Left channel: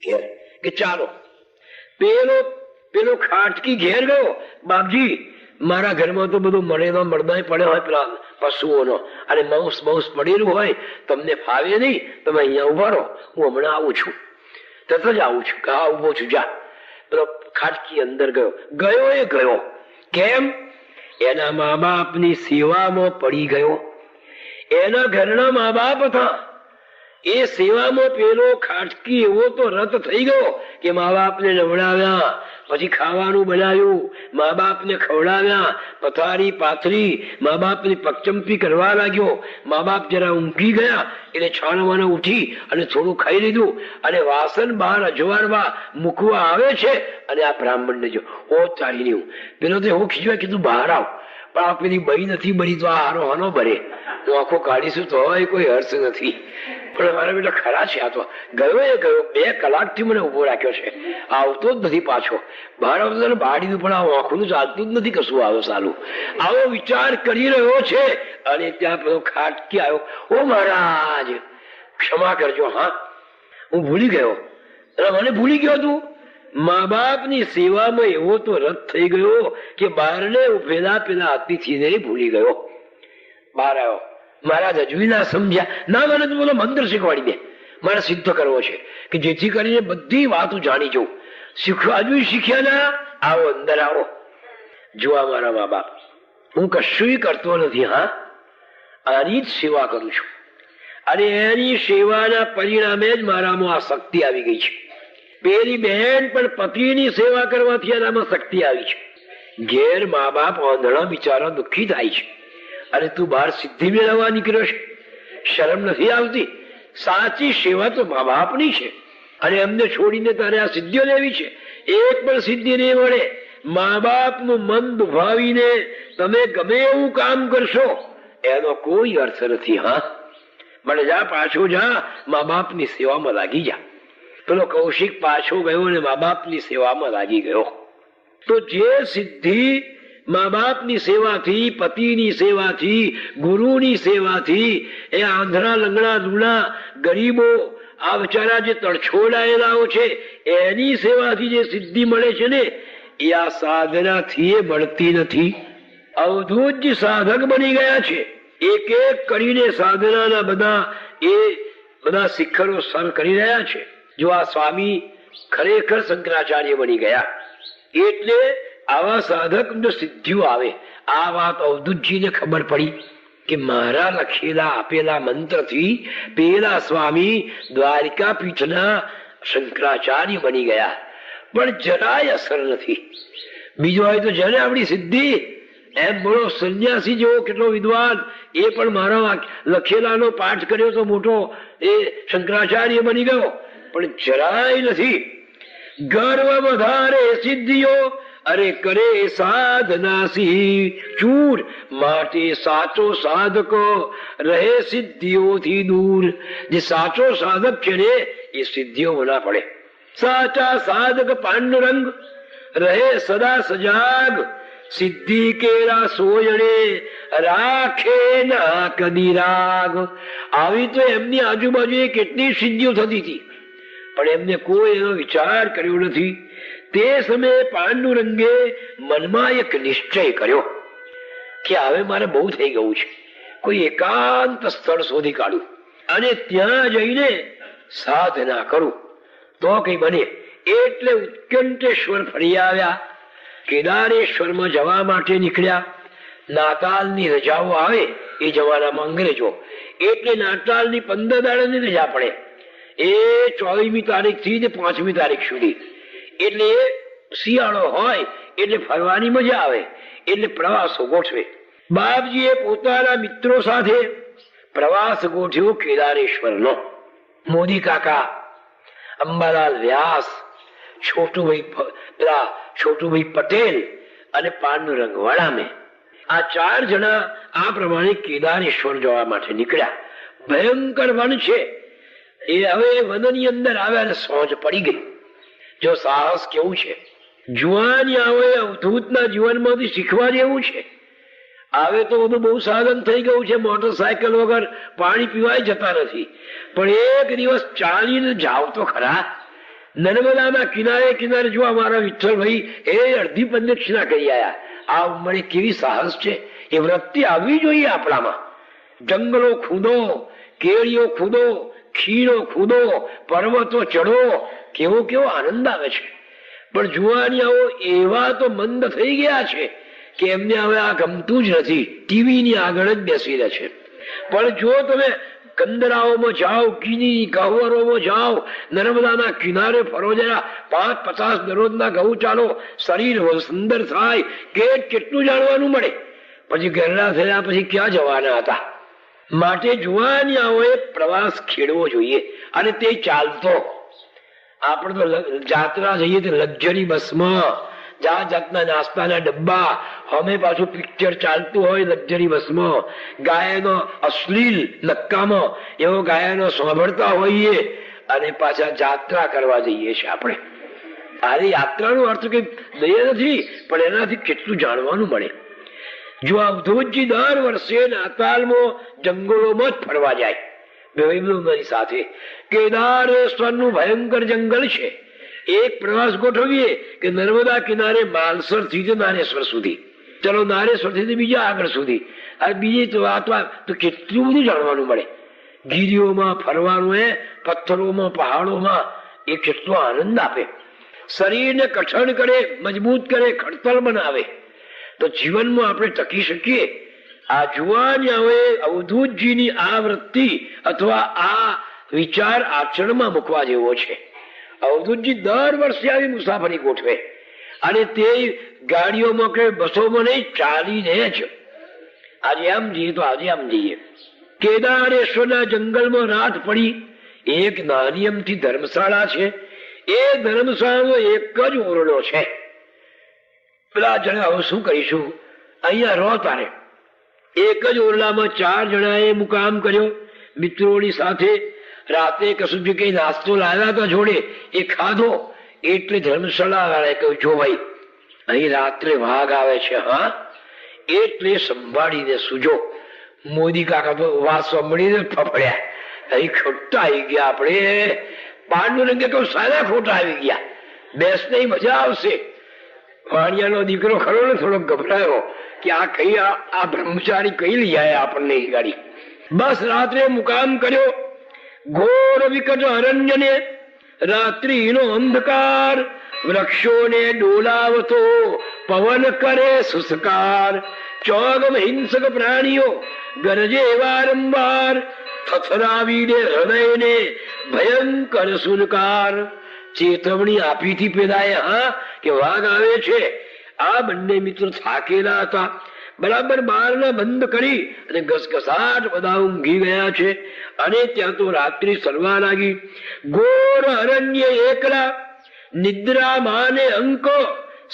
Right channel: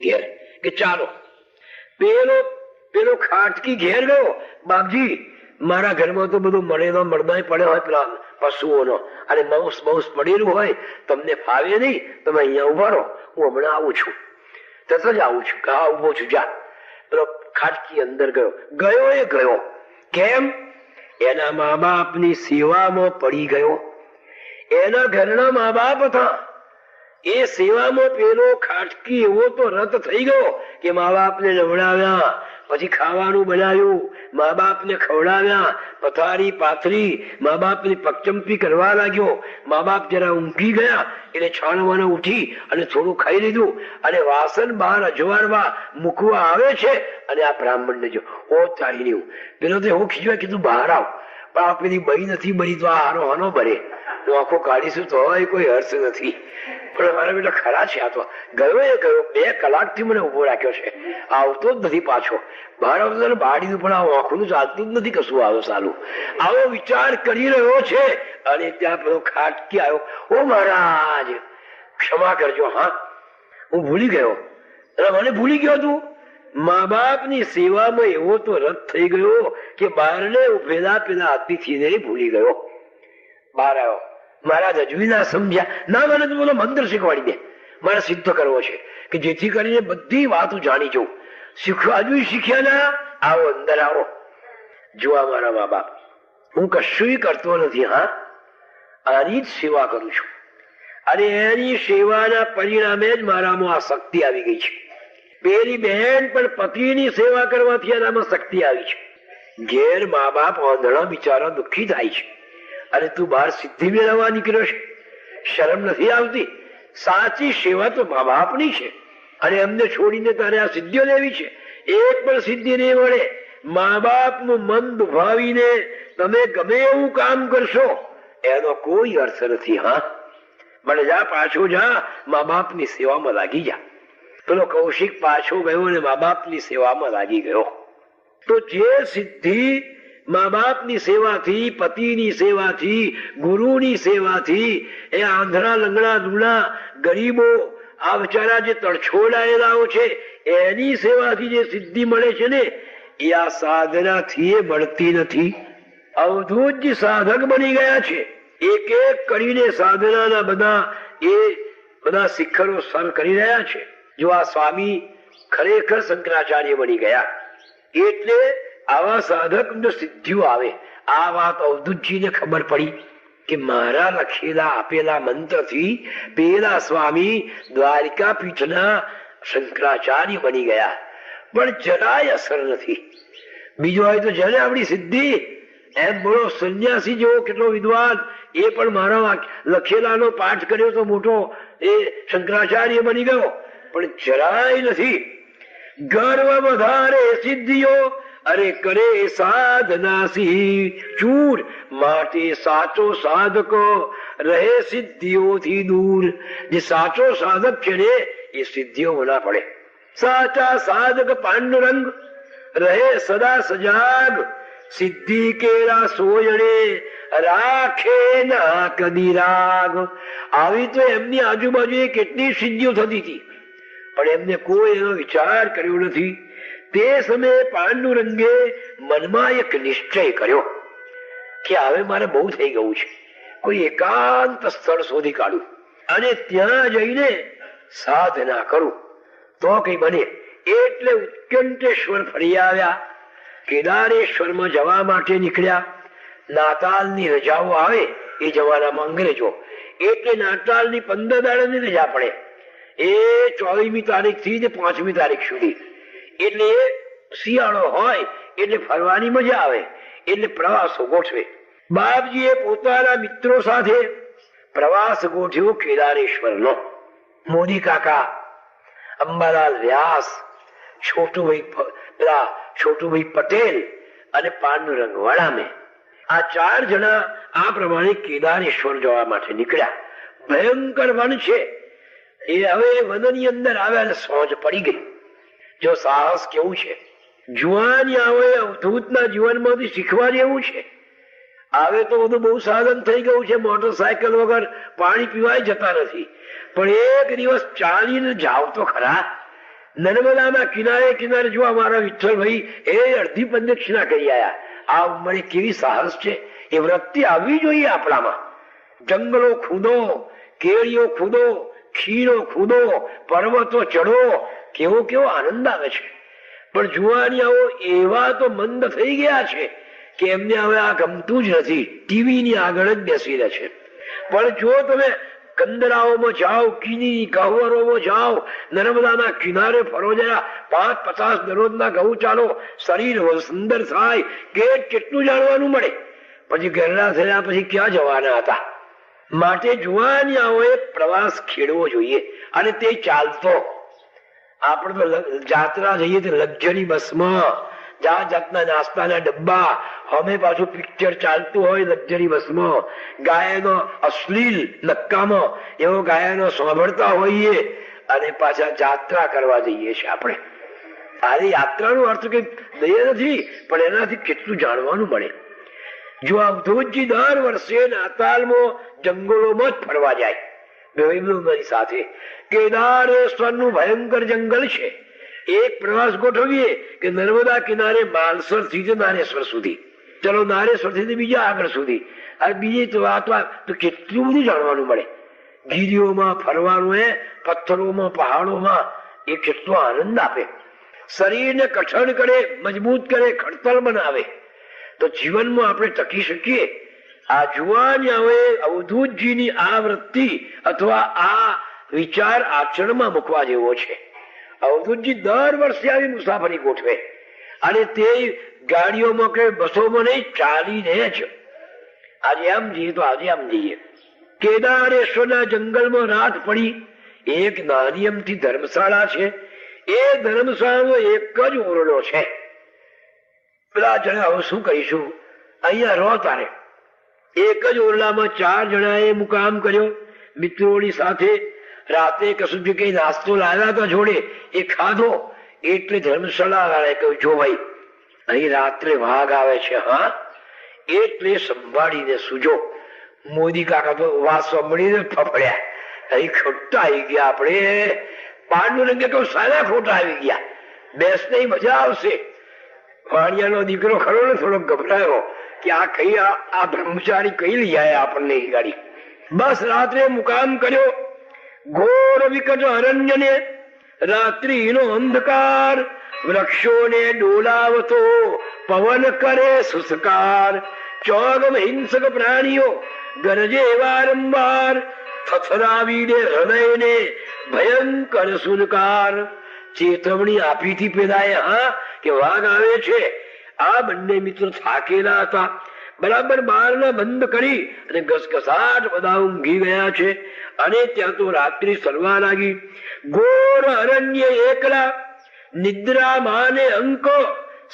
ઘેર કે ચાલો. પેલો પેલો ખાટકી ઘેર ગયો, બાપજી મારા ઘરમાં તો બધું મળેલો મળદાય પડ્યો હોય પેલા પશુઓનો, અને માંસ બાઉસ પડેલું હોય, તમને ફાવે નહીં, તમે અહીંયા ઉભા રહો, હું હમણાં આવું છું, તરત જ આવું છું. હા ઉભો છું, જા. પેલો ખાટકી અંદર ગયો. એ ગયો કેમ? એના મા બાપની સેવામાં પડી ગયો. એના ઘરના મા બાપ હતા, એ સેવામાં પેલો ખાટકી એવો તો રત થઈ ગયો કે મા બાપને નવડાવ્યા, પછી ખાવાનું બનાવ્યું, મા બાપને ખવડાવ્યા, પથારી પાથરી, મા બાપની પગચંપી કરવા લાગ્યો. મા બાપ જરા ઊંઘી ગયા એટલે છાનવાના ઉઠી અને થોડું ખાઈ લીધું, અને વાસણ બહાર અજવાળવા મૂકવા આવે છે, અને આ બ્રાહ્મણને જો ઓ ચાલી રહ્યું. પેલો તો હું ખીજવા કીધું બહાર આવ, પણ આ પેલી બળી નથી બળી તો આ હારો હનો ભરે, આંખો કાઢીશું તો કોઈ હર્ષ નથી. પણ મારા બેટા ખરા છે, આ તો ગયો. 2 કલાકથી મને ઉભો રાખ્યો છે, આવતો જ નથી પાછો. બહાર આવતો બાળ્યું પણ આ આંખોનું ચાલતું જ નથી, કશું આવે સારું. આવો વિચાર કરી રહ્યો છે, અને ત્યાં પેલો ખાટકી આવ્યો. ઓ મહારાજ ક્ષમા કરજો, હા હું ભૂલી ગયો. મને ભૂલી ગયો તું. મા બાપની સેવામાં એવો તો રત થઈ ગયો કે બહારને ઉભેલા પેલા અતિથિને ભૂલી ગયો. બહાર આવ્યો. મહારાજ હજુ ના સમજ્યા. ના, મને તો બોલો મંત્ર શીખવાડી દે, મારે સિદ્ધ કરવો છે કે જેથી કરીને બધી વાતો જાણી જવું. શીખવા હજુ શીખ્યા ના? આવો અંદર આવો. જોવા મારા મા બાપ, હું કશું કરતો નથી, હા આની જ સેવા કરું છું, અને એની સેવાના પરિણામે જ મારામાં આ શક્તિ આવી ગઈ છે. પેલી બહેન પણ પતિની સેવા કરવાથી એનામાં શક્તિ આવી છે. ઘેર મા બાપ આંધળા બિચારા દુઃખી થાય છે, અને તું બહાર સિદ્ધિ મેળવવા નીકળ્યો છે. શરમ નથી આવતી? સાચી સેવા તો મા બાપની છે, અને એમને છોડીને તારે આ સિદ્ધિઓ લેવી છે. એક પણ સિદ્ધિ નહીં મળે. મા બાપનું મન દુભાવીને તમે ગમે એવું કામ કરશો એનો કોઈ અર્થ નથી. હા મને જા, પાછો જા, મા બાપની સેવામાં લાગી જા. પેલો કૌશિક પાછો ગયો અને મા બાપની સેવામાં લાગી ગયો. તો જે સિદ્ધિ મા બાપની સેવાથી, પતિની સેવાથી, ગુરુની સેવાથી, એ આંધળા લંગડા લૂણા ગરીબો, આ બિચારા જે તડછોડાયેલાઓ છે, એની સેવાથી જે સિદ્ધિ મળે છે ને, એ આ સાધનાથી મળતી નથી. અવધૂત જ સાધક બની ગયા છે. એક એક કરીને સાધનાના બધા શિખરો સર કરી રહ્યા છે. જો આ સ્વામી ખરેખર શંકરાચાર્ય બની ગયા, એટલે આવા સાધક સિદ્ધિઓ આવે. આ વાત અવધૂતજીને ખબર પડી કે મારા લખેલા આપેલા મંત્રથી પેલા સ્વામી દ્વારિકા પીઠના શંકરાચાર્ય બની ગયા, પણ જરાય અસર નથી. બીજો હોય તો જેને આપણી સિદ્ધિ, એમ બોલો સંન્યાસી જેવો કેટલો વિદ્વાન, એ પણ મારા લખેલાનો પાઠ કર્યો તો મોટો, એ શંકરાચાર્ય બની ગયો, પણ જરાય નથી. ગર્વ વધારે સિદ્ધિઓ, અરે કરે સાધનાસી ચૂર, માટે સાચો સાધકો રહે સિદ્ધિઓથી દૂર. જે સાચો સાધક છે ને એ સિદ્ધિઓ ના પડે. સાચા સાધક પાંડુરંગ રહે સદા સજાગ, સિદ્ધિ કેરા સોયણે રાખે ના કદી રાગ. આવી તો એમની આજુબાજુ કેટલી સિદ્ધિઓ થતી હતી, પણ એમને કોઈ એનો વિચાર કર્યો નથી. તે સમયે પાંડુરંગે મનમાં એક નિશ્ચય કર્યો કે હવે મારે બહુ થઈ ગયું છે. કોઈ એકાંત સ્થળ શોધી કાઢ્યું અને ત્યાં જઈને સાધના કરું તો કઈ બને. એટલે ઉત્કંઠેશ્વર ફરી આવ્યા. કેદારેશ્વરમાં જવા માટે નીકળ્યા. નાતાલની રજાઓ આવે એ જમાનામાં અંગ્રેજો, એટલે નાતાલની 15 દાડાની રજા પડે. એ 24મી તારીખથી 5મી તારીખ સુધી, એટલે શિયાળો હોય એટલે ફરવાની મજા આવે, એટલે પ્રવાસો ગોઠવે. બાપજીએ પોતાના મિત્રો સાથે પ્રવાસ ગોઠવ્યો કેદારેશ્વરનો. મોદી કાકા, અંબાલાલ વ્યાસ, છોટુભાઈ પટેલ અને પાંડુરંગ વડામે, આ 4 જણા આ પ્રમાણે કેદારેશ્વર જવા માટે નીકળ્યા. ભયંકર વન છે. એ હવે વનની અંદર આવ્યા અને સોજ પડી ગઈ. જો સાહસ કેવું છે! જુવાની આવે અવધૂતના જીવનમાંથી શીખવા જેવું છે. આવે તો બધું બહુ સાધન થઈ ગયું છે, મોટરસાયકલ વગર પાણી પીવાય જતા નથી, પણ એક દિવસ ચાલીને જાવ તો ખરા. નર્મદાના કિનારે કિનારે જો અમારા વિઠ્ઠલભાઈ એ અડધી પ્રદક્ષિણા કરી આયા. આ ઉંમરે કેવી સાહસ છે! એ વૃત્તિ આવવી જોઈએ આપણામાં. જંગલો ખુદો, કેળીઓ ખુદો, ખીણો ખુદો, પર્વતો ચડો, કેવો કેવો આનંદ આવે છે. પણ જુવાનિયાઓ એવા તો મંદ થઈ ગયા છે કે એમને હવે આ ગમતું જ નથી, ટીવીની આગળ જ બેસી રહે છે. પણ જો તમે કંદરાઓમાં જાઓ, કીની ગહવરોમાં જાઓ, નર્મદાના કિનારે ફરો, જરા 5-50 દરરોજના ઘઉં ચાલો, શરીર સુંદર થાય, કેટલું જાણવાનું મળે. પછી ઘરડા થયા પછી ક્યાં જવાના હતા? માટે જુવાનિયાઓએ પ્રવાસ ખેડવો જોઈએ, અને તે ચાલતો. આપણે તો જાત્રા જઈએ તો લક્ઝરી બસમાં, જાત જાતના નાસ્તાના ડબ્બા, અમે પાછું પિક્ચર ચાલતું હોય લક્ઝરી બસમાં, ગાયનો અશ્લીલ નક્કામાં એવો ગાયનો સાંભળતા હોઈએ, અને પાછા જાત્રા કરવા જઈએ છીએ આપણે. આ યાત્રાનો અર્થ કઈ લઈએ નથી, પણ એનાથી કેટલું જાણવાનું મળે. જો અવધૂતજી દર વર્ષે નાતાલમાં જંગલોમાં જ ફરવા જાય ભાઈબંધોની સાથે. કેદારેશ્વરનું ભયંકર જંગલ છે. એક પ્રવાસ ગોઠવીએ કે નર્મદા કિનારે માલસર થી નારેશ્વર સુધી, ચલો નારેશ્વર થી બીજા આગળ સુધી, આ બીજી તો વાત તો કેટલું બધું જાણવાનું મળે. ગીરીઓમાં ફરવાનું, પથ્થરોમાં, પહાડોમાં, એ કેટલો આનંદ આપે. શરીરને કઠણ કરે, મજબૂત કરે, ખડતલ બનાવે. તો જીવનમાં આપણે ટકી શકીએ. આ જુવાનિયાઓએ અવધૂતજીની આ વૃત્તિ અથવા આ વિચાર આચરણમાં મૂકવા જેવો છે. અવધૂતજી દર વર્ષે આવી મુસાફરી ગોઠવે, અને તે ગાડીઓમાં કે બસોમાં નહીં, ચાલીને જ. આજે આમ જઈએ તો આજે આમ જઈએ. કેદારેશ્વરના જંગલમાં રાત પડી. એક નાની અમથી ધર્મશાળા છે. એ ધર્મશાળાનો એક જ ઓરડો છે. પેલા જણા હવે શું કહીશું, અહીંયા રહો તારે. એક જ ઓરડામાં 4 જણાએ મુકામ કર્યો મિત્રોની સાથે. રાતે કશું જે કઈ નાસ્તો લાવ્યા હતા જોડે, એ ખાધો. એટલે ધર્મશાળા વાળાએ કહ્યું, જો ભાઈ અહીં રાત્રે વાઘ આવે છે, હા, એટલે સંભાળીને સુજો. મોદી કાકા તો વાત સાંભળીને ફફડ્યા. અહીં ખોટા આવી ગયા આપણે. પાંડુરંગે તો સારા ખોટા આવી ગયા. બેસને મજા આવશે. વાણિયાનો દીકરો ખરો ને થોડો ગભરાયો કે આ કઈ આ બ્રહ્મચારી કઈ લઈ આવ્યા આપણને ગાડી. બસ રાત્રે મુકામ કર્યો. ઘોર વિકટ અરણ્યને રાત્રિનો અંધકાર, વૃક્ષોને ડોલાવતો પવન કરે સુસકાર. ચોગમ હિંસક પ્રાણીઓ ગરજે વારંવાર, થથરાવીને હૃદયને ભયંકર સુનકાર. ચેતવણી આપી હતી પેલાએ, હા, કે વાઘ આવે છે. આ બંને મિત્રો થાકેલા હતા. બરાબર બારણા બંધ કરી અને ઘસઘસાટ બધા ઊંઘી ગયા છે. અને ત્યાં તો રાત્રિ સરવા લાગી. ઘોર અરણ્ય એકલા, નિદ્રા માને અંક,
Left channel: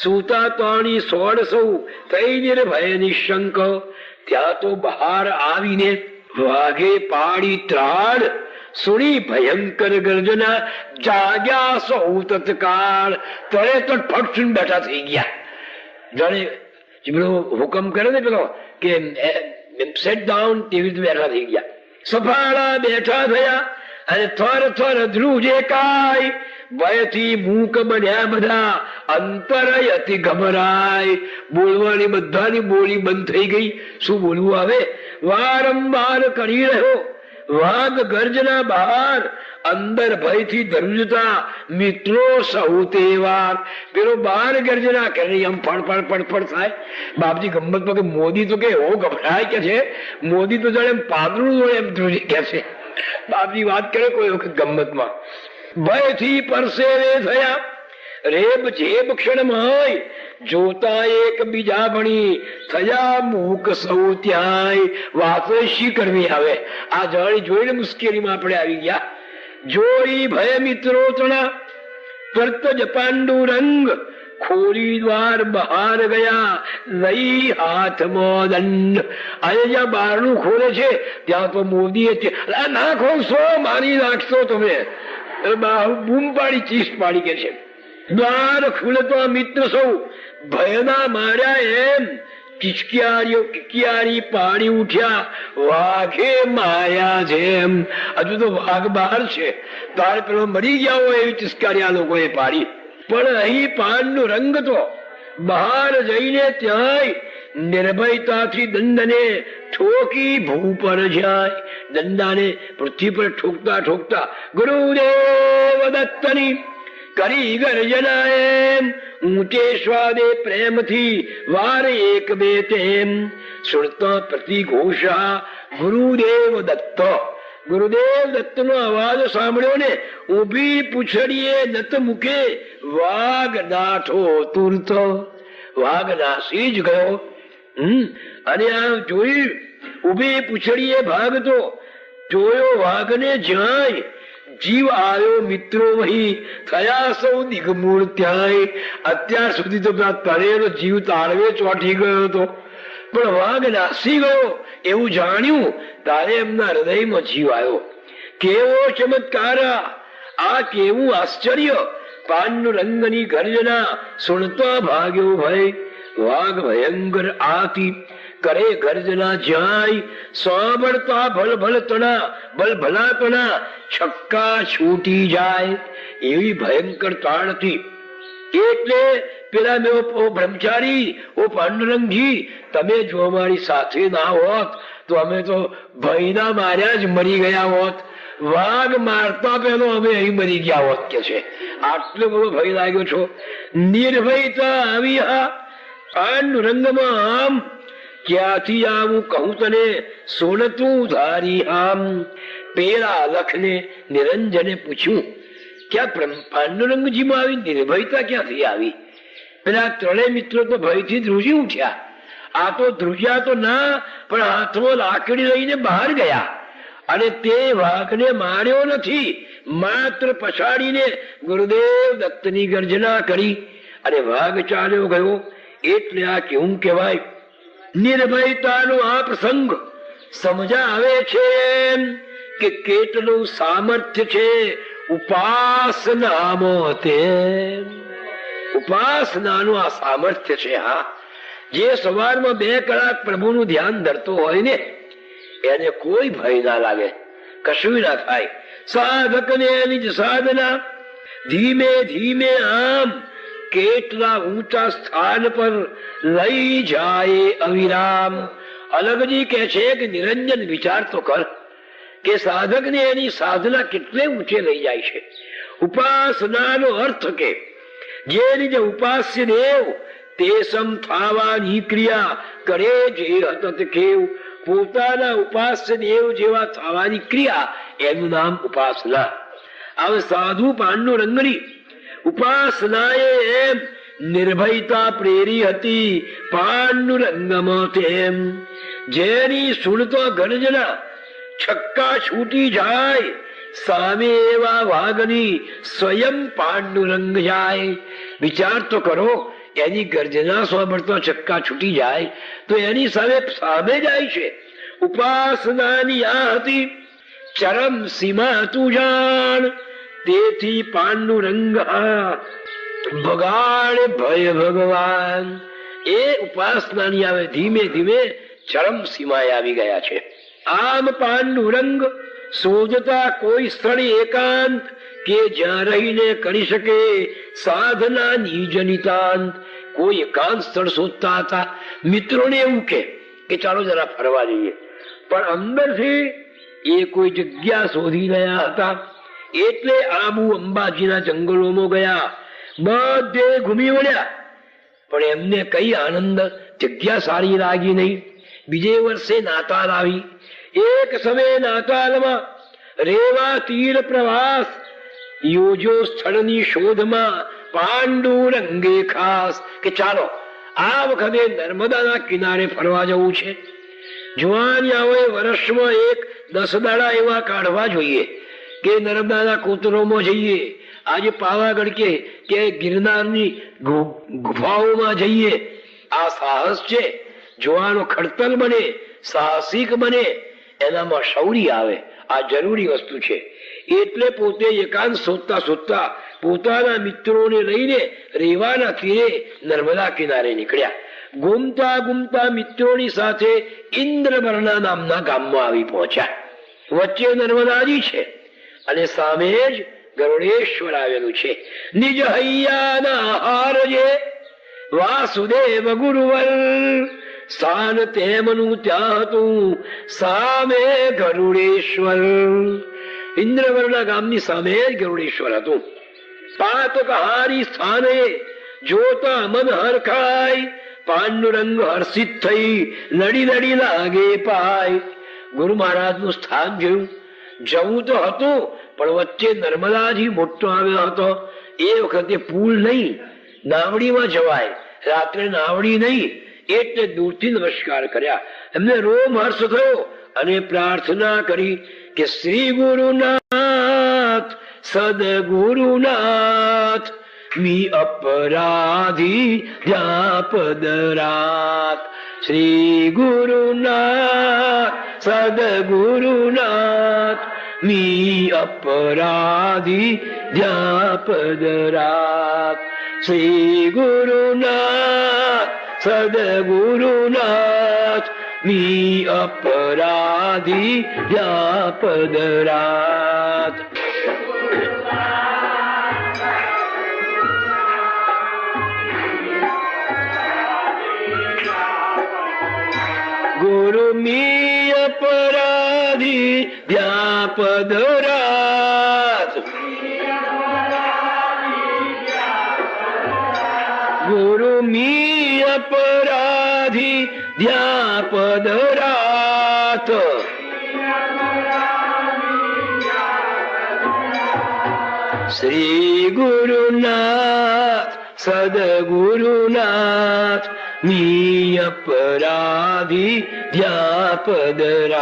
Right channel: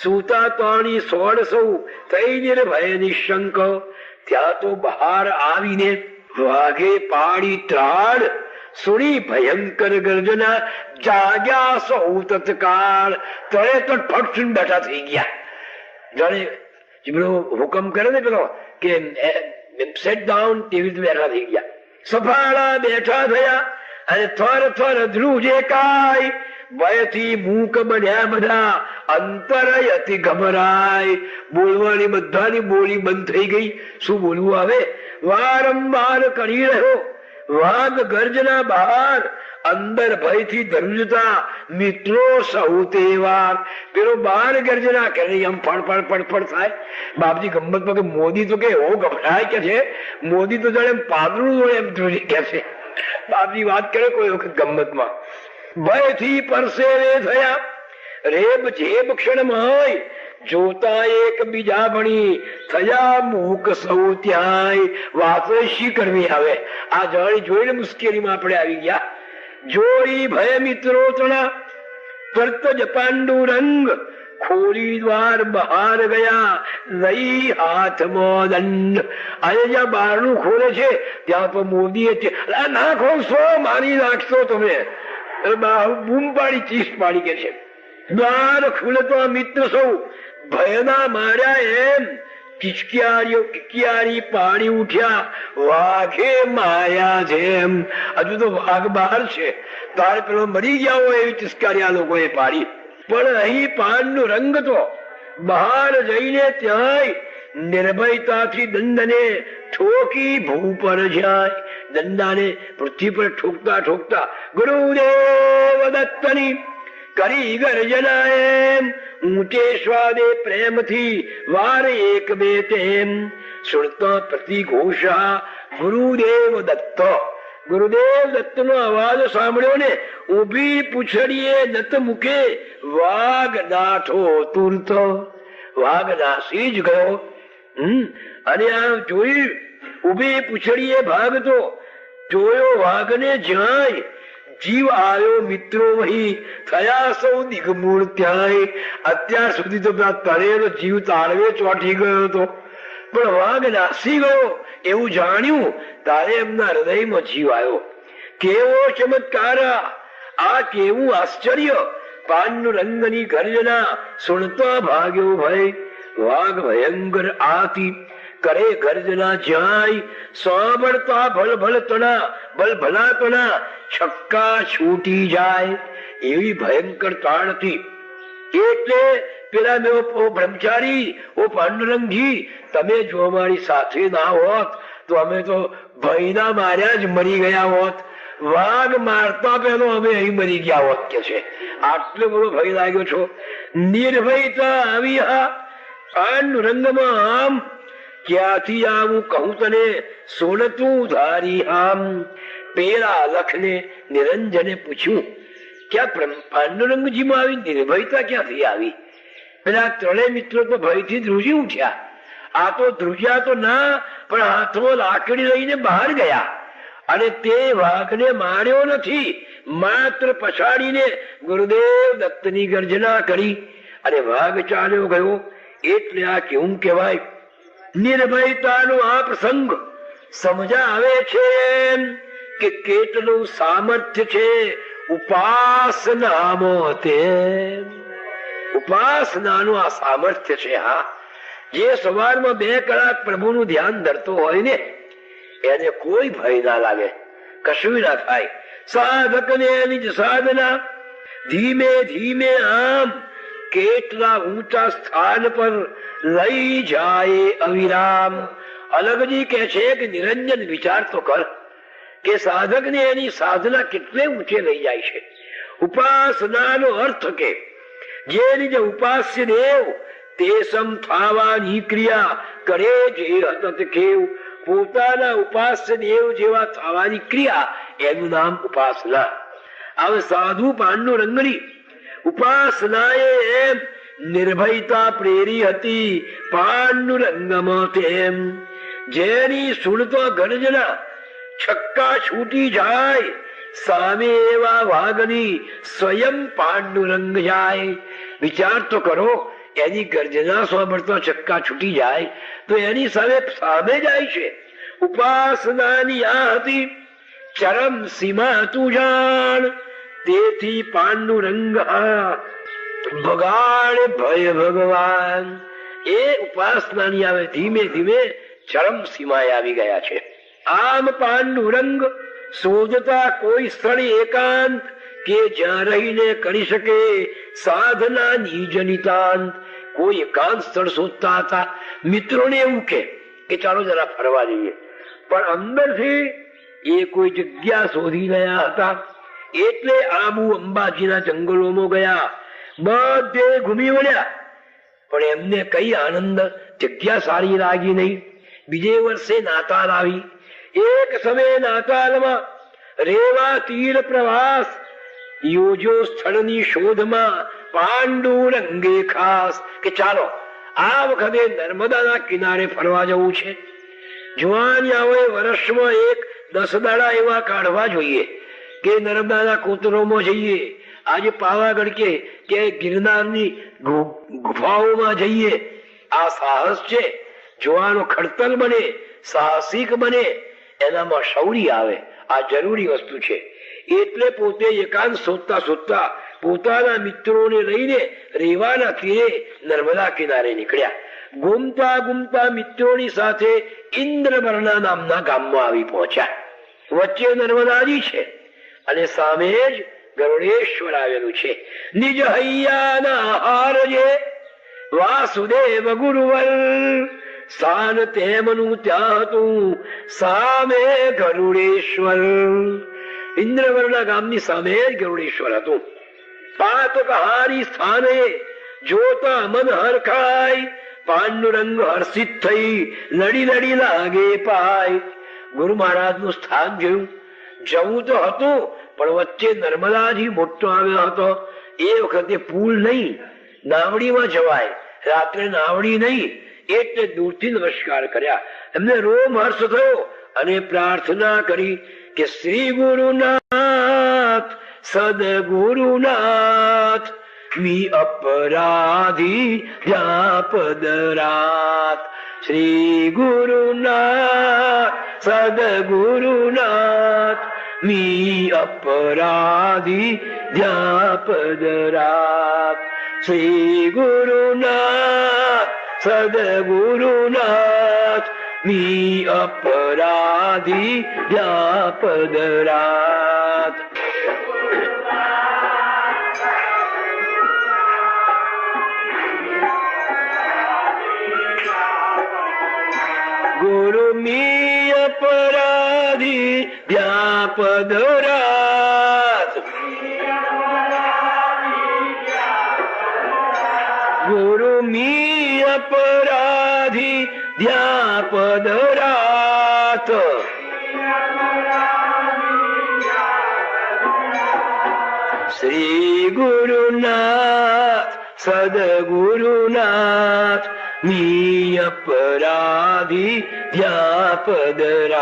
સૂતા તાણી સોળ સૌ, થઈ નિર્ભય નિશંક. ત્યાં તો બહાર આવીને વાઘે પાડી ત્રાણ, સુણી ભયંકર ગર્જના, જાગ્યા સૌ તત્કાળ. તરત જ ફટ બેઠા થઈ ગયા. જાણે પેલો હુકમ કરે ને પેલો કે સેટ ડાઉન, તેવી રીતે બેઠા થઈ ગયા. સફાળા બેઠા થયા અને થર થર ધ્રુજે કાય. ભયથી મૂક બન્યા બધા, અંતરય અતિ ગભરાય. બોલવાની બધાની બોલી બંધ થઈ ગઈ. શું બોલવું આવે? વારંવાર કરી રહ્યો વાઘ ગર્જના બહાર, અંદર ભયથી ધ્રુજતા મિત્રો સૌ તહેવાર. પેલો બહાર ગર્જના કરે, આમ ફળ ફળ થાય. બાપજી ગમતમાં તો મોદી તો કે એવો ગભરાય કે છે, મોદી તો જાણે પાદરું હોય એમ ધ્રુજ કે છે. બાપજી વાત કરે કોઈ વખત ગમતમાં. ભયથી પરસેવે થયા, રેબ જેબ ક્ષણમાં હોય, જોતા એક બીજા ભણી થયા મૂક સૌ ત્યાંય. વાતો શી કરવી આવે? આ જાણી જોઈને મુશ્કેલીમાં આપણે આવી ગયા. જોઈ ભય મિત્રો તણા, તરત જ પાંડુરંગ ખોરી દ્વાર બહાર ગયા, લઈ હાથમાં દંડ. અહીંયા જ્યાં બહારનું ખોલે છે ત્યાં તો મોદીએ ના ખોલશો, મારી નાખશો તમે. બૂમ પાડી, ચીસ પાડી કે છે. દ્વાર ખુલતો મિત્ર સૌ ભયના માર્યા એમ કિચિયારી પાડી ઉઠ્યા, વાઘે માયા જેમ. હજુ તો વાઘ બહાર છે, તારે પેલો મરી ગયા હોય એવી ટિચકારી આ લોકોએ પાડી. પણ અહીં પાનનો રંગ તો બહાર જઈને ત્યાંય નિર્ભયતાથી દંડને ઠોકી ભૂ પર જાય. દંડાને પૃથ્વી પર ઠોકતા ઠોકતા ગુરુદેવ દત્તની કરી ગર્જના એમ. ઊંચે સ્વાદે પ્રેમથી વાર એક બે તેમ. સુરતા પ્રતિઘોષા ગુરુદેવ દત્ત. ગુરુદેવ દત્ત નો અવાજ સાંભળ્યો ને ઉભી પૂછડીએ નત મુખે વાઘ નાઠો તુરત. વાઘ નાસી જ ગયો. અને આ જોઈ ઉભી પૂછડીએ ભાગતો જોયો વાઘને જાય. જીવ આવ્યો મિત્રો વહી થયા સૌ દિગ્મૂળ ત્યાંય. અત્યાર સુધી તો તળેલો જીવ તાળવે ચોંટી ગયો હતો, પણ વાઘ નાસી ગયો એવું જાણ્યું તારે એમના હૃદયમાં જીવ આવ્યો. કેવો ચમત્કાર! આ કેવું આશ્ચર્ય! પાનનું રંગની ગર્જના સુણતા ભાગ્યો ભય. વાઘ ભયંકર આથી કરે ગર્જના જાય. સાંભળતા ભલભલા તણા છક્કા છૂટી જાય. એવી ભયંકર તાણથી એટલે પેલા મેં બ્રહ્મચારી ઓ પાંડુરંગજી, તમે જો અમારી સાથે ના હોત તો અમે તો ભયના માર્યા જ મરી ગયા હોત. વાઘ મારતા પેલો અમે અહીં મરી ગયા હોત કે છે. આટલો બધો ભય લાગ્યો છો. નિર્ભયતા આવી હા પાંડુરંગમાં. આમ ક્યાંથી આવું કહું તને સોનતું ધારી આમ. પેલા લખને નિરંજને પૂછ્યું, ક્યાં પાંડુરંગજીમાં આવી નિર્ભયતા ક્યાંથી આવી? પેલા ત્રણેય મિત્રો તો ભયથી ધ્રુજી ઉઠ્યા. આ તો ધ્રુજ્યા તો ના, પણ હાથમાં લાકડી લઈને બહાર ગયા અને તે વાઘને માર્યો નથી, માત્ર પછાડીને ગુરુદેવ દત્તની ગર્જના કરી અને વાઘ ચાલ્યો ગયો. એટલે આ કેવું કહેવાય? નિર્ભયતાનો આ પ્રસંગ સમજાવે છે કે કેટલું સામર્થ્ય છે ઉપાસનામાં. તે ઉપાસનાનું આ સામર્થ્ય છે. હા, જે સવારમાં 2 કલાક પ્રભુનું ધ્યાન ધરતો હોય ને એને કોઈ ભય ના લાગે, કશું ના થાય. સાધકને એની જ સાધના ધીમે ધીમે આમ કેટલા ઊંચા સ્થાન પર લઈ જાય અવિરામ. અલગજી કે છે કે નિરંજન વિચાર તો કર કે સાધકને એની સાધના કેટલે ઊંચે લઈ જાય છે. ઉપાસનાનો અર્થ કે જે રીતે ઉપાસ્ય દેવ તે સમ થાવાની ક્રિયા કરે જે હતત કેવ. પોતાના ઉપાસ્ય દેવ જેવા થવાની ક્રિયા એનું નામ ઉપાસના. હવે સાધુ પાંડુરંગની ઉપાસનાએ એમ નિર્ભયતા પ્રેરી હતી પાંડુરંગમાં. તેમ જેની સુણતો ગર્જના છક્કા છૂટી જાય, સામે એવા વાઘની સ્વયં પાંડુરંગ જાય. વિચાર તો કરો, એની ગર્જના સાંભળતો છક્કા છૂટી જાય તો એની સામે જાય છે. ઉપાસનાની આ હતી ચરમ સીમા તું જાણ. તેથી પાંડુરંગ ભગાડ ભય ભગવાન. એ ઉપાસનાની આવે ધીમે ધીમે ચરમ સીમાએ આવી ગયા છે. આમ પાંડુરંગ શોધતા કોઈ સ્થળ એકાંત કે જ્યાં રહીને કરી શકે સાધના નિજનિતાંત. કોઈ એકાંત સ્થળ શોધતા હતા. મિત્રોને એવું કે ચાલો જરા ફરવા જઈએ, પણ અંદરથી એ કોઈ જગ્યા શોધી રહ્યા હતા. એટલે આબુ અંબાજીના જંગલોમાં ગયા, બધે ઘૂમી વળ્યા, પણ એમને કઈ આનંદ જગ્યા સારી લાગી નહીં. બીજે વર્ષે નાતાલ આવી. એક સમયે નાતાલમાં રેવા તીર પ્રવાસ યોજો. સ્થળની શોધમાં પાંડુરંગે ખાસ કે ચાલો આ વખતે નર્મદાના કિનારે ફરવા જવું છે. જોવાની આવે વર્ષમાં 10 દાડા એવા કાઢવા જોઈએ કે નર્મદાના કોતરોમાં જઈએ, આજે પાવાગઢ કે ગિરનારની ગુફાઓમાં જઈએ. આ સાહસ છે, જોવાનો ખડતલ બને, સાહસિક બને, એનામાં શૌર્ય આવે. આ જરૂરી વસ્તુ છે. એટલે પોતે એકાંત શોધતા શોધતા પોતાના મિત્રોને લઈને રેવાના તીરે નર્મદા કિનારે નીકળ્યા. ઘૂમતા ઘૂમતા મિત્રોની સાથે ઇન્દ્રવર્ણા નામના ગામમાં આવી પહોંચ્યા. વચ્ચે નર્મદાજી છે અને સામે જ ગરુડેશ્વર આવેલું છે. નિજ હૈયાના હારજે વાસુદેવ ગુરુવર, સ્થાન તેમનું ત્યાં હતું સામે ગરુડેશ્વર. ઇન્દ્રવર્ણા ગામની સામે જ ગરુડેશ્વર હતું. પાતકહારી સ્થાને જોતા મન હરખાય, પાંડુરંગ હર્ષિત થઈ લડી લડી લાગે પાય. ગુરુ મહારાજ નું સ્થાન જોયું. જવું તો હતું પણ વચ્ચે નર્મદાજી મોટો આવ્યો હતો. એ વખતે પુલ નહીં, નાવડીમાં જવાય. રાત્રે નાવડી નહીં એટલે દૂરથી નમસ્કાર કર્યા. એમને રોમ હર્ષ થયો અને પ્રાર્થના કરી કે શ્રી ગુરુનાથ સદગુરુનાથ મી અપરાધી વ્યાપદરાત. શ્રી ગુરુનાથ સદગુરુનાથ મી અપરાધી વ્યાપદરાત. શ્રી ગુરુનાથ સદગુરુનાથ મી અપરાધી વ્યાપદરાત. ગુરુ મી અપરાધી વ્યાપદરાત. ગુરુ મી અપરાધી વ્યાપદરાત. શ્રી ગુરુનાથ સદગુરુનાથ મી અપરાધી વ્યાપદરાત.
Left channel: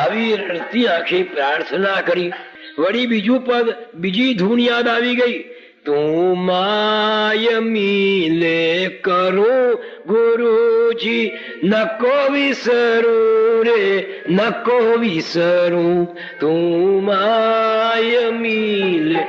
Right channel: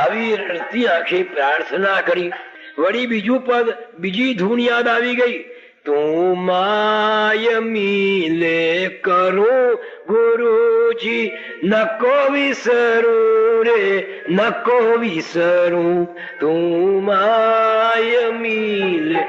આવી રડતી આંખે પ્રાર્થના કરી. વળી બીજું પદ, બીજી ધૂન યાદ આવી ગઈ. તું માય મિલે કરો ગુરુજી, નકો વિસરું રે નકો વિસરું. તું માય મિલે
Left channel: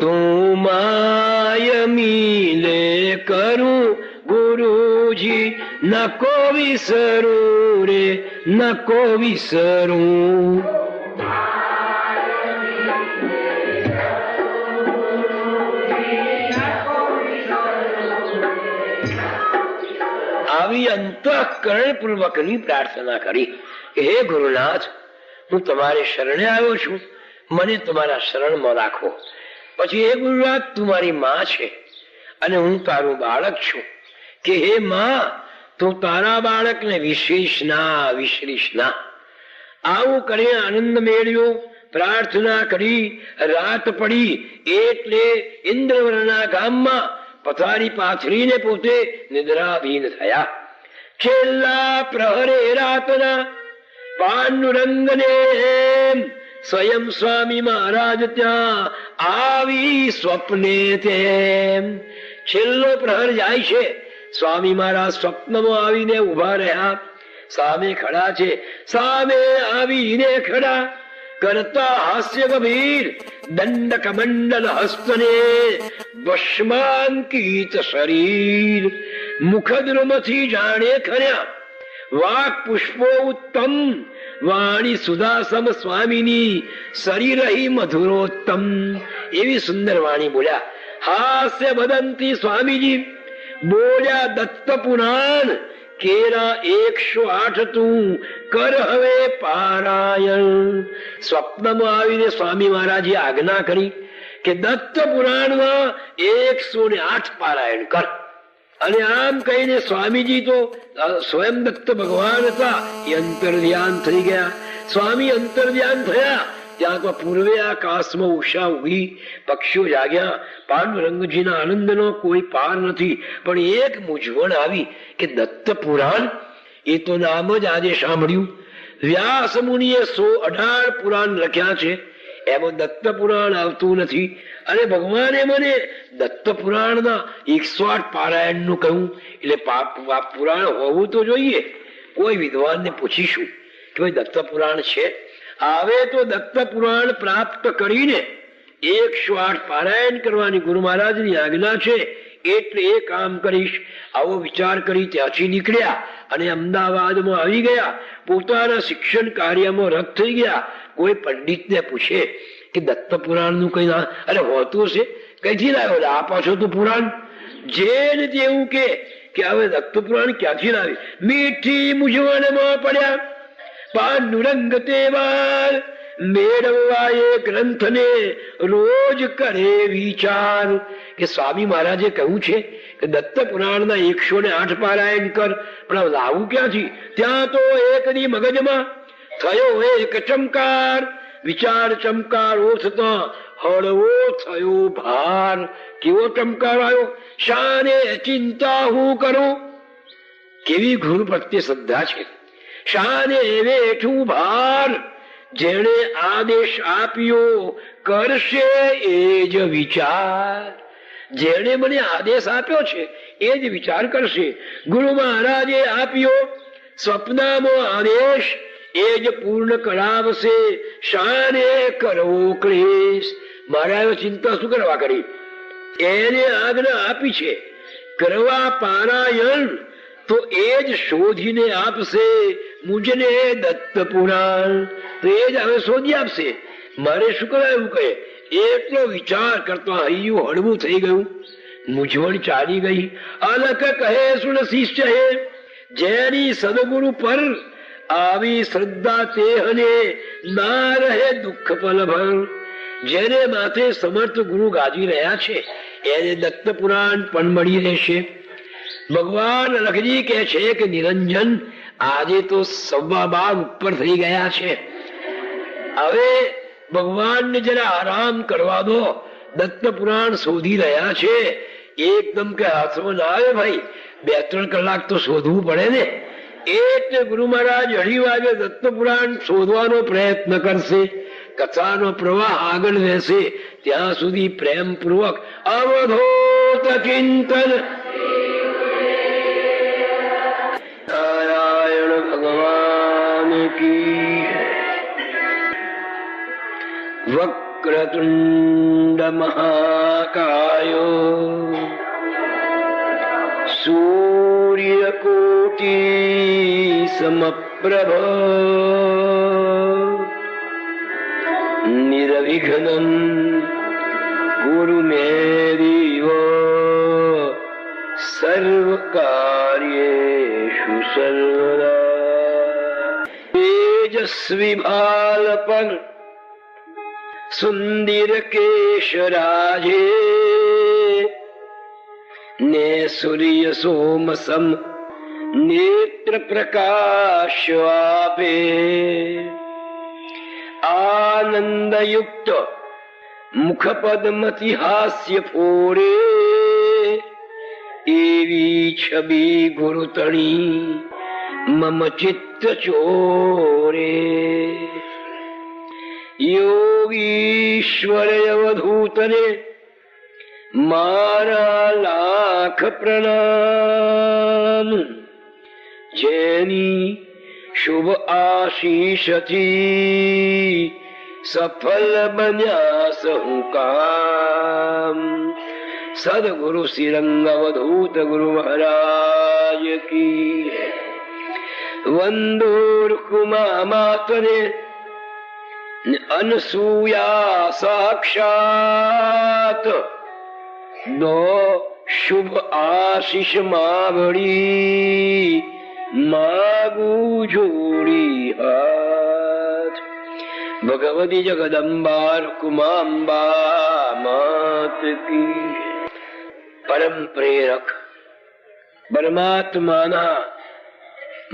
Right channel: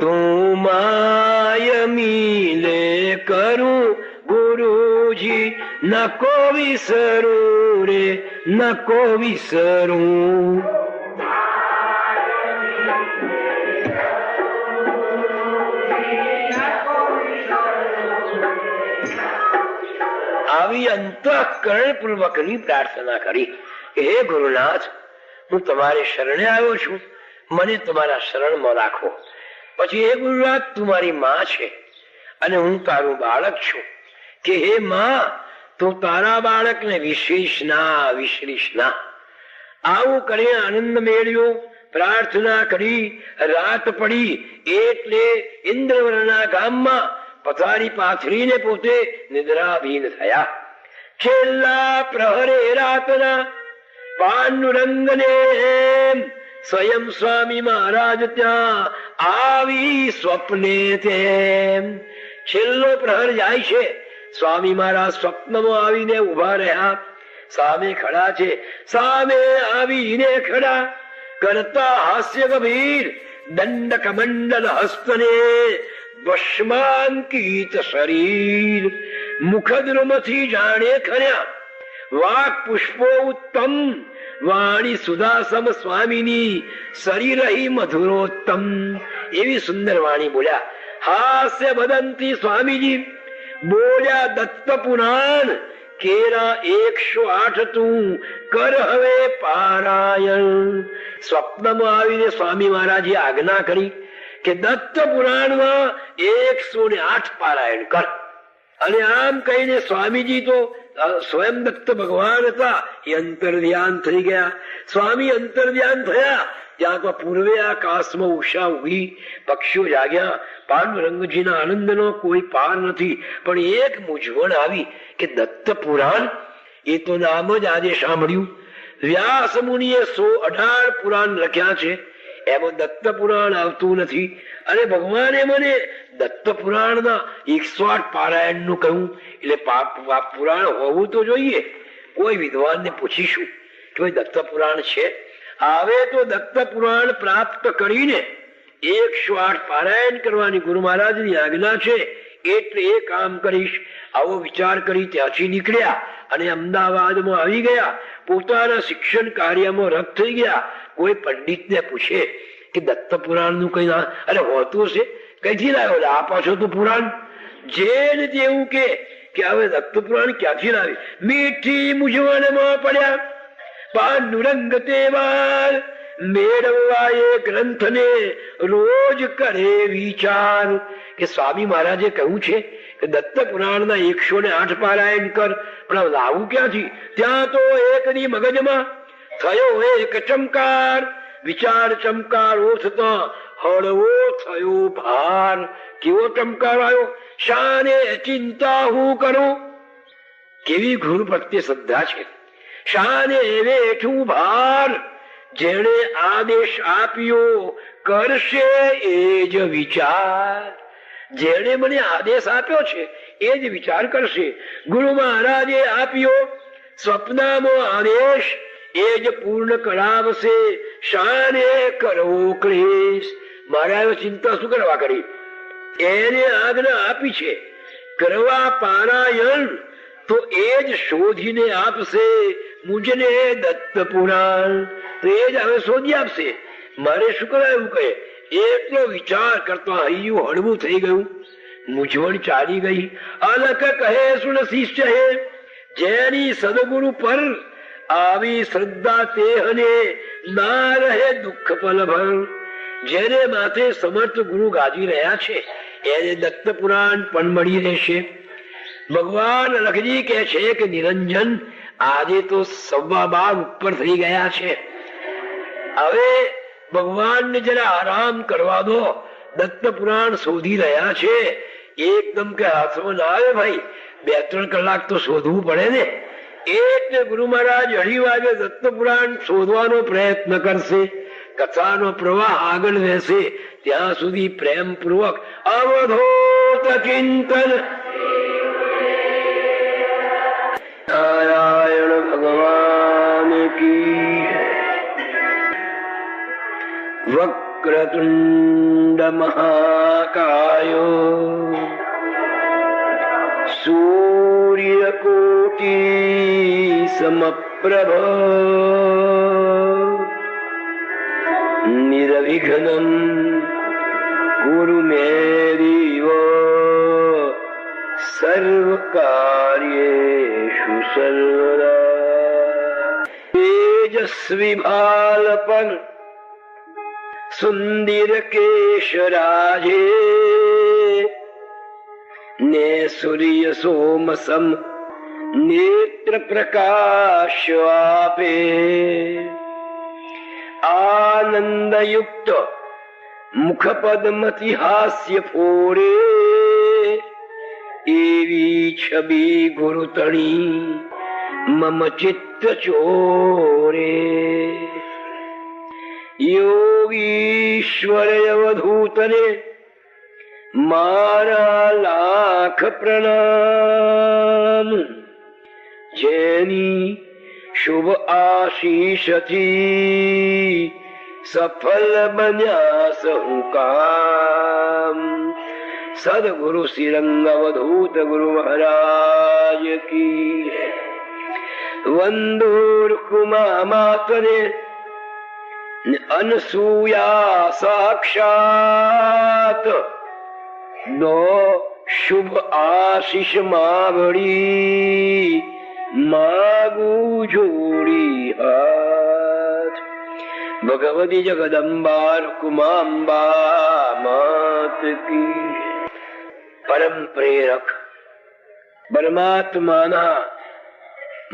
તું માય મિલે કરું ગુરુજી, નકો વિસરું રે નકો વિસરું. આવી અંતઃકરણ પૂર્વક ની પ્રાર્થના કરી. હે ગુરુનાથ, હું તમારે શરણે આવ્યો છું, મને તમારા શરણમાં રાખો. પછી હે ગુરુનાથ, તું મારી માં છે અને હું તારું બાળક છું. કે હે માં, તો તારા બાળકને વિશેષ ના વિશેષ ના. આવું કરી આનંદ મેળ્યો. પ્રાર્થના કરી. રાત પડી એટલે ઇન્દ્રવર્ણા ગામમાં પથારી પાથરીને પોતે નિદ્રાધીન થયા. છેલ્લા પ્રહરે રાતના પાંડુરંગને સ્વયં સ્વામી મહારાજ ત્યાં આવી સ્વપ્ને તેમ. છેલ્લો પ્રહર જાય છે, સ્વામી મહારાજ સ્વપ્નમાં આવીને ઉભા રહ્યા. સામે ખડા છે. સામે આવીને ખડા કરતા હાસ્ય ગંભીર દંડ કમંડલ હસ્તને ભસ્માંકિત શરીર. મુખદ્રુમથી જાણે ખર્યા વાક પુષ્પો ઉત્તમ. વાણી સુધાસમ સ્વામીની શરીરહી મધુરોત્તમ. એવી સુંદર વાણી બોલ્યા. હાસ્ય બદંતી સ્વામીજી બોલ્યા દત્ત પુરાણ કેરા 108 તું કર હવે પારાયણ. સ્વપ્નમાં આવીને સ્વામી મહારાજે આજ્ઞા કરી કે દત્ત પુરાણમાં 108 પારાયણ કર. અને આમ કહીને સ્વામીજી તો સ્વયં દત્ત ભગવાન હતા, એ અંતર્ધ્યાન થઈ ગયા. સ્વામી અંતર્ધ્યાન થયા ત્યાં તો પૂર્વે આકાશમાં ઉષા ઉગી, પક્ષીઓ જાગ્યા. પાંડુરંગજીના આનંદનો કોઈ પાર નથી. પણ એક મૂંઝવણ આવી કે દત્ત પુરાણ, એ તો નામ જ આજે સાંભળ્યું. વ્યાસ મુનિએ 118 પુરાણ લખ્યા છે, એમાં દત્ત પુરાણ આવતું નથી. અને ભગવાને મને દત્ત પુરાણના 108 પારાયણ નું કહ્યું. એટલે પુરાણ હોવું તો જોઈએ. કોઈ વિદ્વાનને પૂછીશું કે ભાઈ દત્ત પુરાણ છે? આવે તો દત્ત પુરાણ પ્રાપ્ત કરીને 108 પારાયણ કરવાની ગુરુ મહારાજની આજ્ઞા છે. એટલે એ કામ કરીશ. આવો વિચાર કરી ત્યાંથી નીકળ્યા અને અમદાવાદમાં આવી ગયા. પોતાના શિક્ષણ કાર્યમાં રત થઈ ગયા. કોઈ પંડિતને પૂછે કે દત્ત પુરાણ નું કઈ અરે હોતું છે, કઈથી લાવ્યો? આ પાછો તો પુરાણ જેને જેવું કે હવે દત્ત પુરાણ ક્યાંથી લાવી? મીઠી મૂંઝવણમાં પડ્યા પાંડુરંગ તેવાર મેળવવા એ ગ્રંથને રોજ કરે વિચાર. કે સ્વામી મહારાજે કહ્યું છે કે દત્ત પુરાણના 108 પારાયણ કર, પણ લાવું ક્યાંથી? ત્યાં તો એકની મગજમાં થયો એક ચમકાર, વિચાર ચમકારો થતા હળવો થયો ભાર. કેવો ચમકાર આવ્યો? શાને ચિંતા હું કરું? કેવી ગુરુ પ્રત્યે શ્રદ્ધા છે. શાને વેઠું ભાર, જેણે આદેશ આપ્યો કરશે એ જ વિચાર. જેણે મને આદેશ આપ્યો છે એ જ વિચાર કરશે. ગુરુ મહારાજે આપ્યો સ્વપ્નમાં આદેશ, એ જ પૂર્ણ કરાવશે. શાને કરવો ક્લેશ? મહારાજે ચિંતા શું કરવા કરી? એને આજ્ઞા આપી છે કરવા પારાયણ, તો એ જ શોધીને આપશે મુજને દત્ત પુરાણ. તો એ જ હવે શોધી આપશે. મારે શું કરાયું કહે? એટલો વિચાર કરતા હૈયું હળવું થઈ ગયું, મૂંઝવણ ચાલી ગઈ. અલક કહે સુન શિષ્ય હે, જેની સદગુરુ પર આવી શ્રદ્ધા તેહને ના રહે દુઃખ પલભર. જેને માથે સમર્થ ગુરુ ગાજી રહ્યા છે એને દત્ત પુરાણ પણ મળી રહેશે. ભગવાન લખજી કહે છે કે નિરંજન આજે તો 12:15 ઉપર થઈ ગયા છે. હવે ભગવાનને જરા આરામ કરવા દો. દત્ત પુરાણ શોધી રહ્યા છે. એકદમ કે હાથમાં ના આવે ભાઈ, 2-3 કલાક તો શોધવું પડે ને. એટલે ગુરુ મહારાજ 2:30 વાગે દત્ત પુરાણ શોધવાનો પ્રયત્ન કરશે. કથાનો પ્રવાહ આગળ રહેશે. ત્યાં સુધી પ્રેમ પૂર્વક અવધૂત ચિંતન. નારાયણ ભગવાન કી. વક્રતુંડ મહાકાયો સૂર્યકોટી સમપ્રભ નિર્વિઘ્નમ ગુરુ મે દેવ સર્વકાર્યેષુ સર્વદા. તેજસ્વી ભાલ પર સુંદર કેશરાજે ને સૂર્ય સોમસમ નેત્ર પ્રકાશ આપે. આનંદયુક્ત મુખપદ્મથી હાસ્ય ફોડે, એવી છબી ગુરુ તણી મમ ચિત્ત ચોરે. યોગીશ્વર અવધૂતને મારા લાખ પ્રણામ. જેની શુભ આશીષથી સફળ બન્યા સહુ કામ. સદગુરુ શ્રીરંગ અવધૂત ગુરુ મહારાજ કી. વંદોર્કુમા માતરે અનસૂયા સાક્ષાત. દો શુભ આશીષ માવડી માગુ જોડી હાથ. ભગવતી જગદંબા કુમાંબા માત કી. પરમ પ્રેરક પરમાત્માના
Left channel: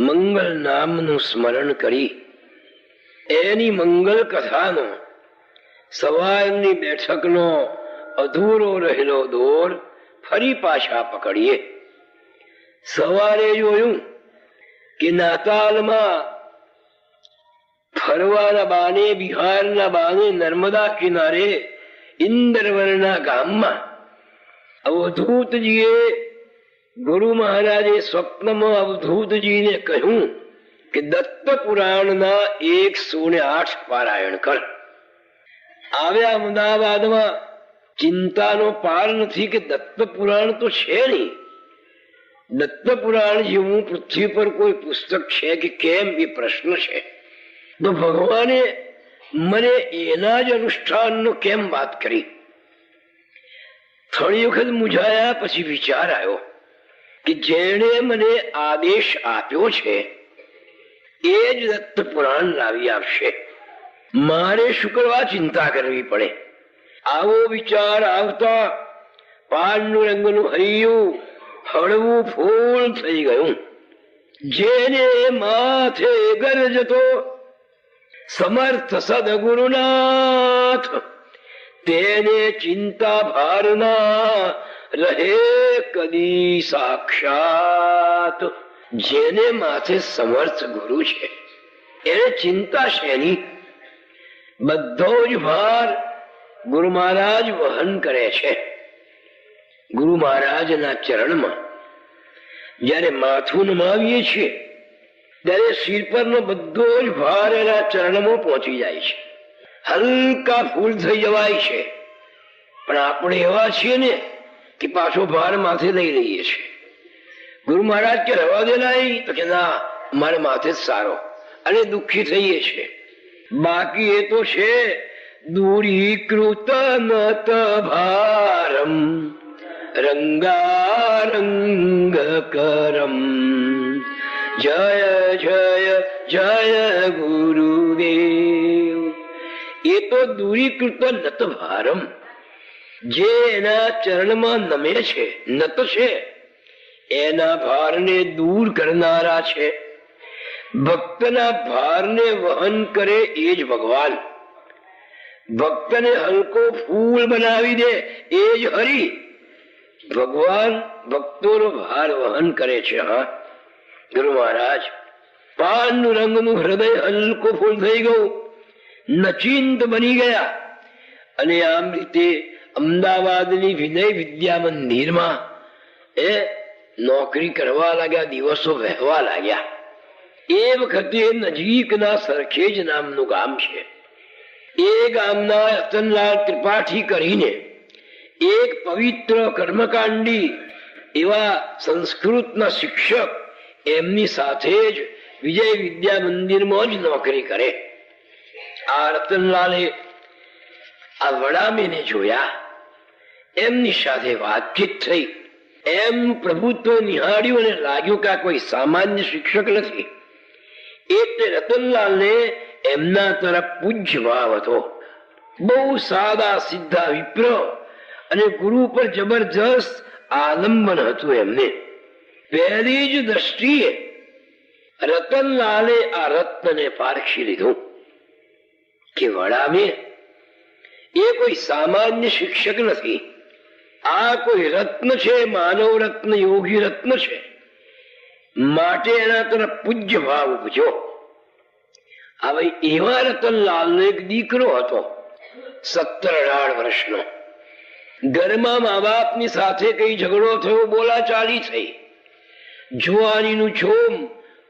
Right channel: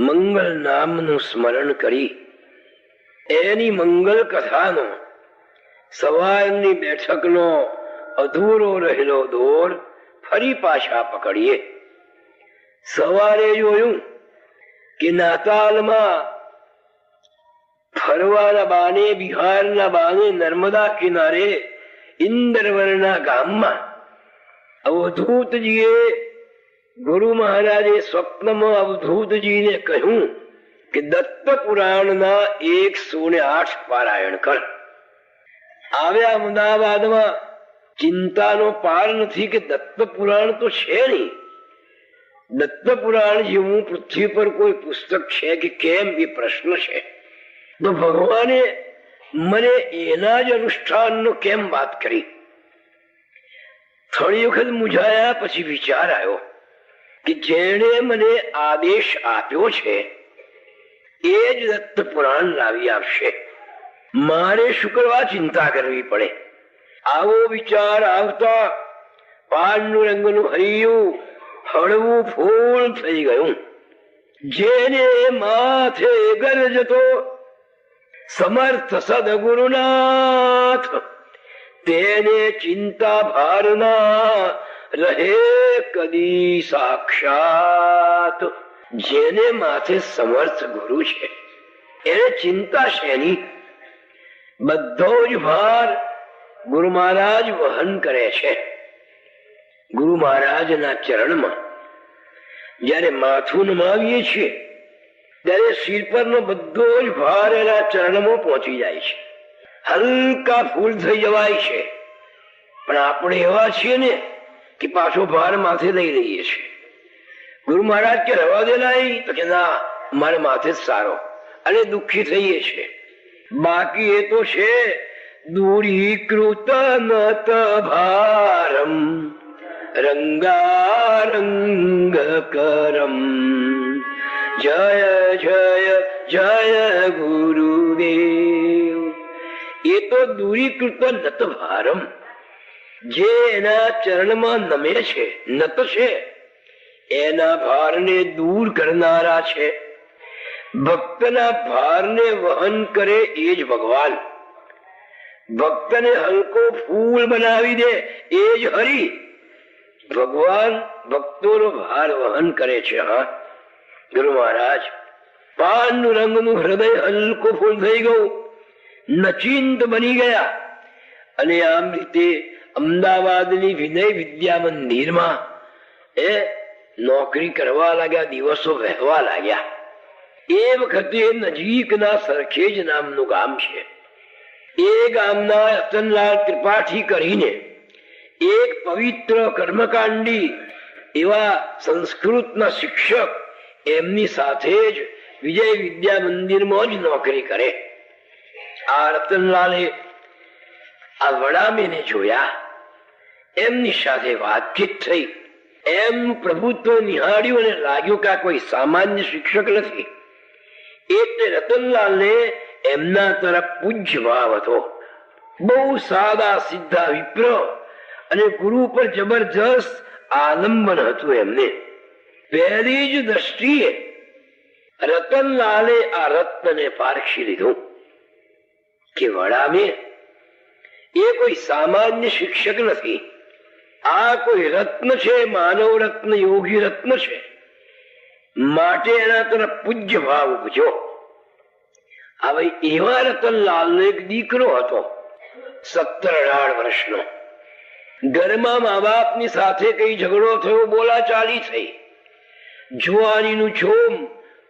મંગલ નામનું સ્મરણ કરી એની મંગલ કથાનો સવારની બેઠકનો અધૂરો રહેલો દોર ફરી પાછા પકડીએ. સવારે જોયું કે નાતાલમાં ફરવાના બાને, બિહારના બાને નર્મદા કિનારે ઇન્દ્રવરના ગામમાં અવધૂતજીએ ગુરુ મહારાજે સ્વપ્નમાં અવધૂતજીને કહ્યું કે દત્ત પુરાણના 108 પારાયણ કર. આવ્યા અમદાવાદમાં ચિંતાનો પાર નથી કે દત્ત પુરાણ તો છે નહીં. દત્ત પુરાણ જેવું પૃથ્વી પર કોઈ પુસ્તક છે કે કેમ એ પ્રશ્ન છે. તો ભગવાને મને એના જ અનુષ્ઠાનનો કેમ વાત કરી? થોડી વખત મૂંઝાયા પછી વિચાર આવ્યો કે જેણે મને આદેશ આપ્યો છે એ જ દત્ત પુરાણ લાવી આપશે. મારે શું કરવા ચિંતા કરવી પડે? આવો વિચાર આવતા પાંડુરંગનું હૈયું હળવું ફૂલ થઈ ગયું. જેને માથે ગરજતો સમર્થ સદગુરુનાથ, તેને ચિંતા ભારના રહે કદી સાક્ષાત. જેને માથે સમર્થ ગુરુ છે એને ચિંતા શેની? બધો જ ભાર ગુરુ મહારાજ વહન કરે છે. ગુરુ મહારાજના ચરણમાં જયારે માથું નમાવીએ છીએ ત્યારે શિર પરનો બધો જ ભાર એના ચરણમાં પહોંચી જાય છે. હલકા ફૂલ થઈ જવાય છે. પણ આપણે એવા છીએ ને કે પાછો ભાર માથે લઈ લઈએ છીએ. ગુરુ મહારાજ કે રવા દે નહીં, તો કે ના, મારે માથે જ સારો, અને દુઃખી થઈએ છીએ. બાકી એ તો છે દૂરીકૃત નત ભારમ રંગારંગ કરમ. જય જય જય ગુરુદેવ. એ તો દૂરીકૃત નત ભારમ, જે એના ચરણમાં નમે છે, નત છે, એના ભારને દૂર કરનારા છે. ભક્તના ભારને વહન કરે એ જ ભગવાન. ભક્તને હલકો ફૂલ બનાવી દે એ જ હરિ. ભગવાન ભક્તોનો ભાર વહન કરે છે. હા, ગુરુ મહારાજ પાંડુરંગનું હૃદય હલકો ફૂલ થઈ ગયું, નચિંત બની ગયા. અને આમ રીતે અમદાવાદની વિનય વિદ્યા મંદિરમાં એ નોકરી કરવા લાગ્યા, દિવસો વહેવા લાગ્યા. એ વખતે નજીકના સરખેજ નામનું ગામ છે. એ ગામના રતનલાલ ત્રિપાઠી કરીને એક પવિત્ર કર્મકાંડી એવા સંસ્કૃતના શિક્ષક એમની સાથે જ વિજય વિદ્યા મંદિરમાં જ નોકરી કરે. આ રતનલાલે આ વડામીને જોયા, એમની સાથે વાતચીત થઈ. એમ પ્રભુત્વ નિહાળ્યું અને લાગ્યું કે આ કોઈ સામાન્ય શિક્ષક નથી. એટલે રતનલાલને એમના તરફ પૂજ્ય ભાવ હતો. બહુ સાદા સીધા વિપ્ર અને ગુરુ પર જબરજસ્ત આલંબન હતું એમને. પહેલી જ દ્રષ્ટિએ રતનલાલે આ રત્નને પારખી લીધું કે વડામે એ કોઈ સામાન્ય શિક્ષક નથી. આ કોઈ રત્ન છે, માનવ રત્ન, યોગી રત્ન છે. માટે એના તરફ પૂજ્ય ભાવ ઉપજો. હવે એવા રતનલાલનો એક દીકરો હતો, 17-18 વર્ષનો. ઘરમાં મા બાપની સાથે કઈ ઝઘડો થયો, બોલાચાલી થઈ, જુવાનીનું છોમ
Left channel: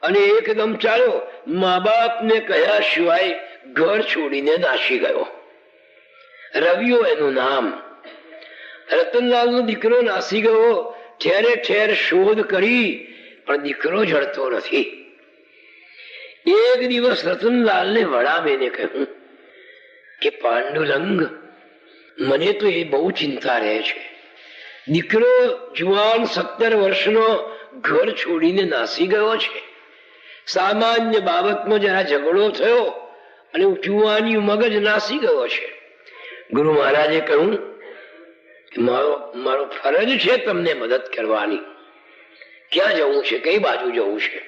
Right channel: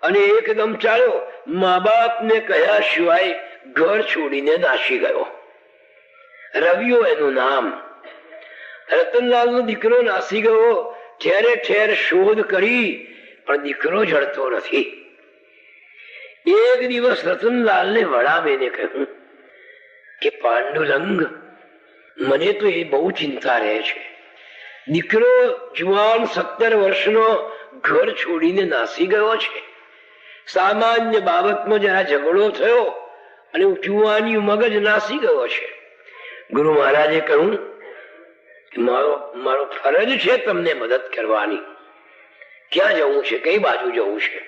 અને એકદમ ચાલો મા બાપને કહ્યા સિવાય ઘર છોડીને નાસી ગયો. રવિઓ એનું નામ. રતનલાલનો દીકરો નાસી ગયો. ઠેરે ઠેર શોધ કરી પણ દીકરો જડતો નથી. એક દિવસ રતનલાલને વડામેને કહ્યું કે પાંડુરંગ, મને તો એ બહુ ચિંતા રહે છે. દીકરો જુવાન 17 વર્ષનો ઘર છોડીને નાસી ગયો છે. સામાન્ય બાબતમાં જરા ઝઘડો થયો અને જુવાની મગજ નાસી ગયો છે. ગુરુ મહારાજે કહ્યું, મારો ફરજ છે તમને મદદ કરવાની. ક્યાં જવું છે, કઈ બાજુ જવું છે?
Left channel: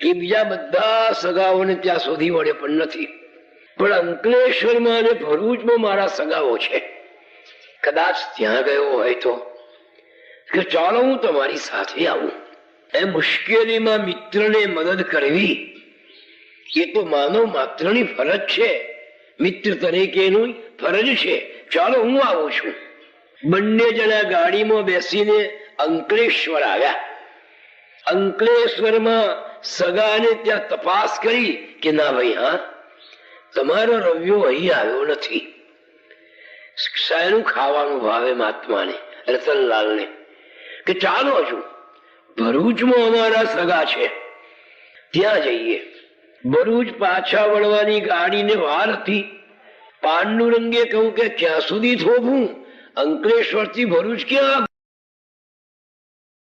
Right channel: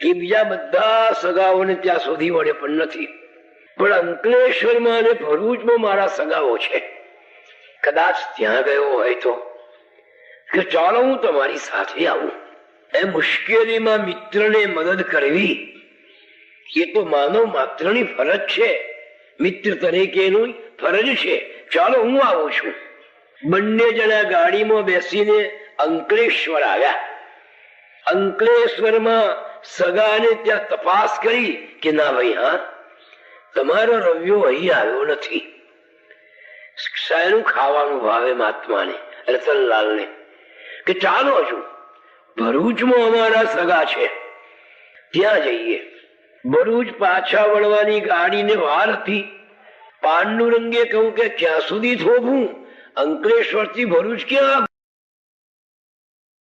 એ બીજા બધા સગાઓને ત્યાં શોધી વળે પણ નથી, પણ અંકલેશ્વરમાં અને ભરૂચમાં મારા સગાઓ છે. કદાચ ત્યાં ગયો હોય તો કે ચાલો હું તમારી સાથે આવું. એ મુશ્કેલીમાં મિત્રને મદદ કરવી એ તો માનવ માત્રની ફરજ છે. મિત્ર તરીકેનું ફરજ છે ચાલો હું આવું છું. બંને જણા ગાડીમાં બેસીને અંકલેશ્વર આવ્યા. અંકલેશ્વરમાં સગાને ત્યાં તપાસ કરી કે ના ભાઈ, હા તમારો રવિયો અહીં આવ્યો નથી. શાયનું ખાવાનું ભાવે મહાત્માને, રતનલાલને, કે ચાલો છું ભરૂચમાં અમારા સગા છે, ત્યાં જઈએ. ભરૂચ પાછા વળવાની ગાડીને વાર હતી. પાંડુરંગે કહ્યું કે ક્યાં સુધી થોભું, અંકલેશ્વર થી ભરૂચ ક્યાં